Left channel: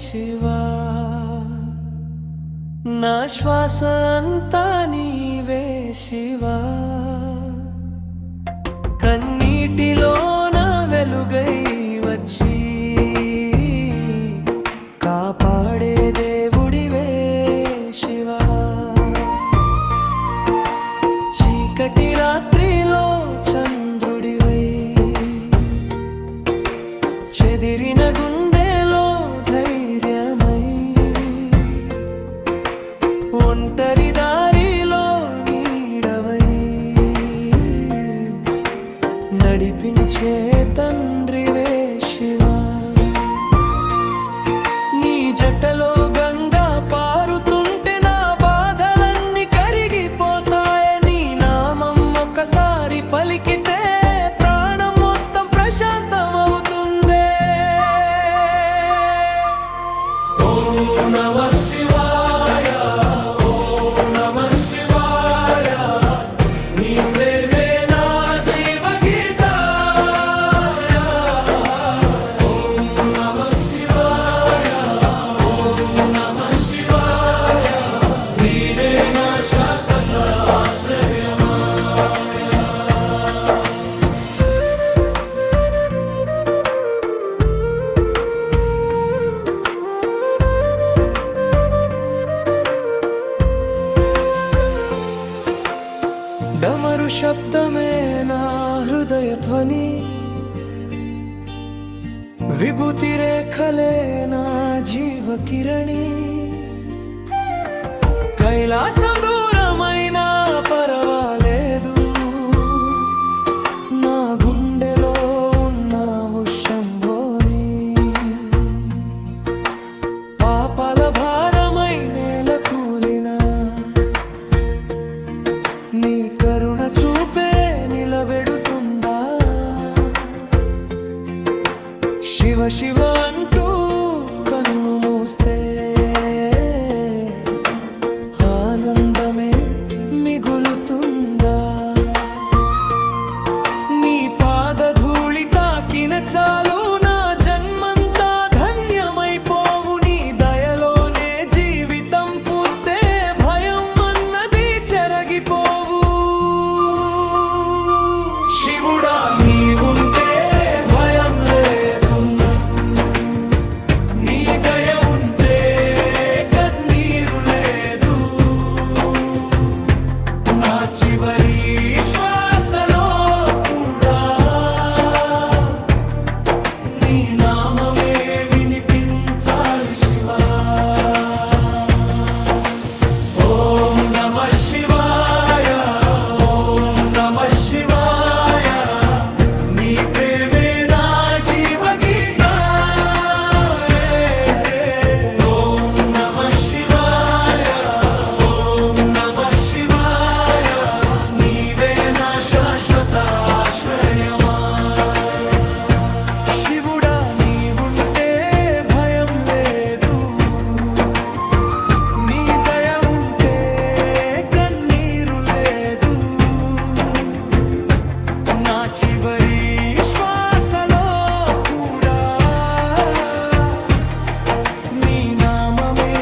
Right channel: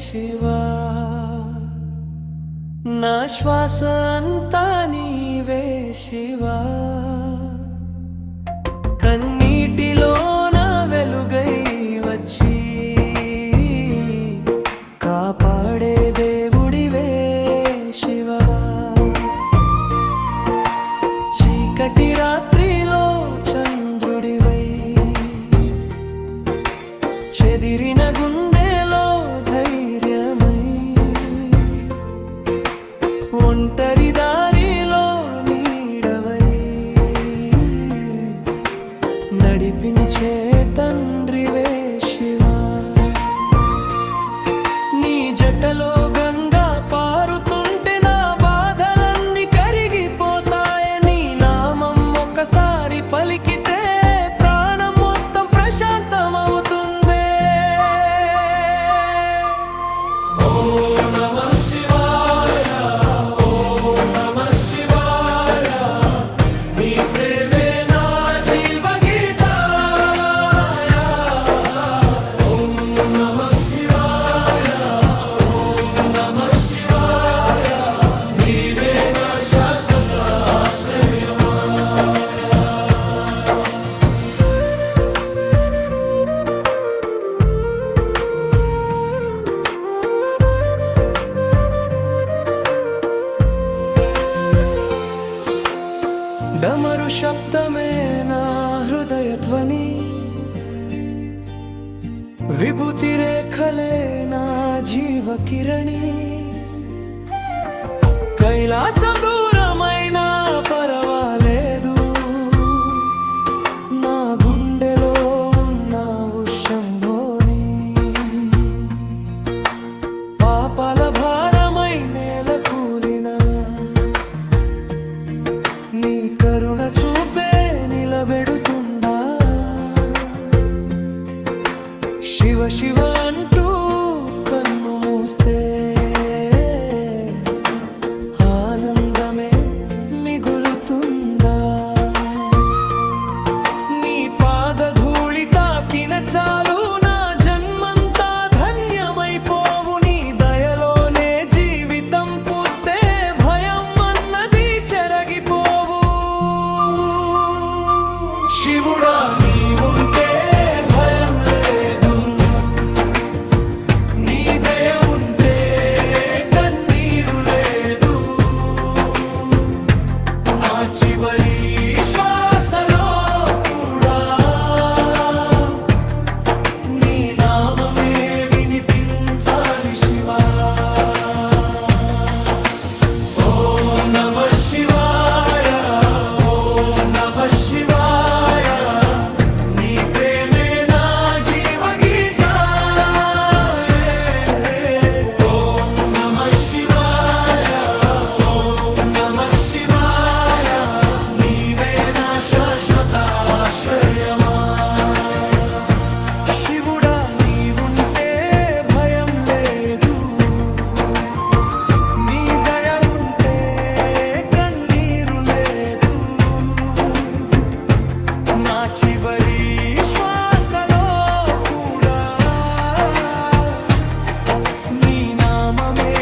శివా నా శ్వాస అంతా నీవే శివా కన్నీటిలో నా వెలుగై వచ్చి కాపాడే దేవుడివే శివా చీకటి రాత్రిలో చంద్రుడివై చెదిరిన గుండెలో ధైర్యమై ఒంటరి దారిలో నీడవై నడిపించే తండ్రివే శివా నీ జటలో గంగా పారుతుంటే నా బాధలన్నీ కరిగిపోతాయని నామం ఒకసారి పలికితే ప్రాణం మొత్తం ప్రశాంతమవుతుందే ఓం నమః శివాయ ఓం నమః శివాయ నీ ప్రేమే నా జీవగీతాయ ఓం నమః శివాయ ఓం నమః శివాయ నీవే నా శాశ్వత డమరు శబ్దమే నా హృదయ ధ్వని విభూతి రేఖలే నా జీవ కిరణి కైలాసం దూరమైనా పరవాలేదు నా గుండెలో ఉన్నావు శంభోని పాపాల భారమై నేల కూలినా నీ కరుణ చూపే నిలబెడుతుందా శివ శివ అంటూ కన్ను మూస్తే ఆనందమే మిగులుతుందా నీ పాదధూళి తాకిన చాలు నా జన్మంతా ధన్యమైపోవు నీ దయలోనే జీవితం పూస్తే భయం అన్నది చెరగిపోవు శివుడా నీవుంటే భయం లేదు నీ దయ ఉంటే కన్నీరు లేదు నా చివరి శ్వాసలో కూడా నీ నామమే వినిపించాలి శివా ఓం నమః శివాయ ఓం నమః శివాయ నీ ప్రేమే నా జీవగీతాయ ఓం నమః శివాయ ఓం నమః శివాయ నీవే నా శాశ్వత ఆశ్రయమా శివుడా నీవుంటే భయం లేదు నీ దయ ఉంటే కన్నీరు లేదు నా చివరి శ్వాసలో కూడా నీ నామమే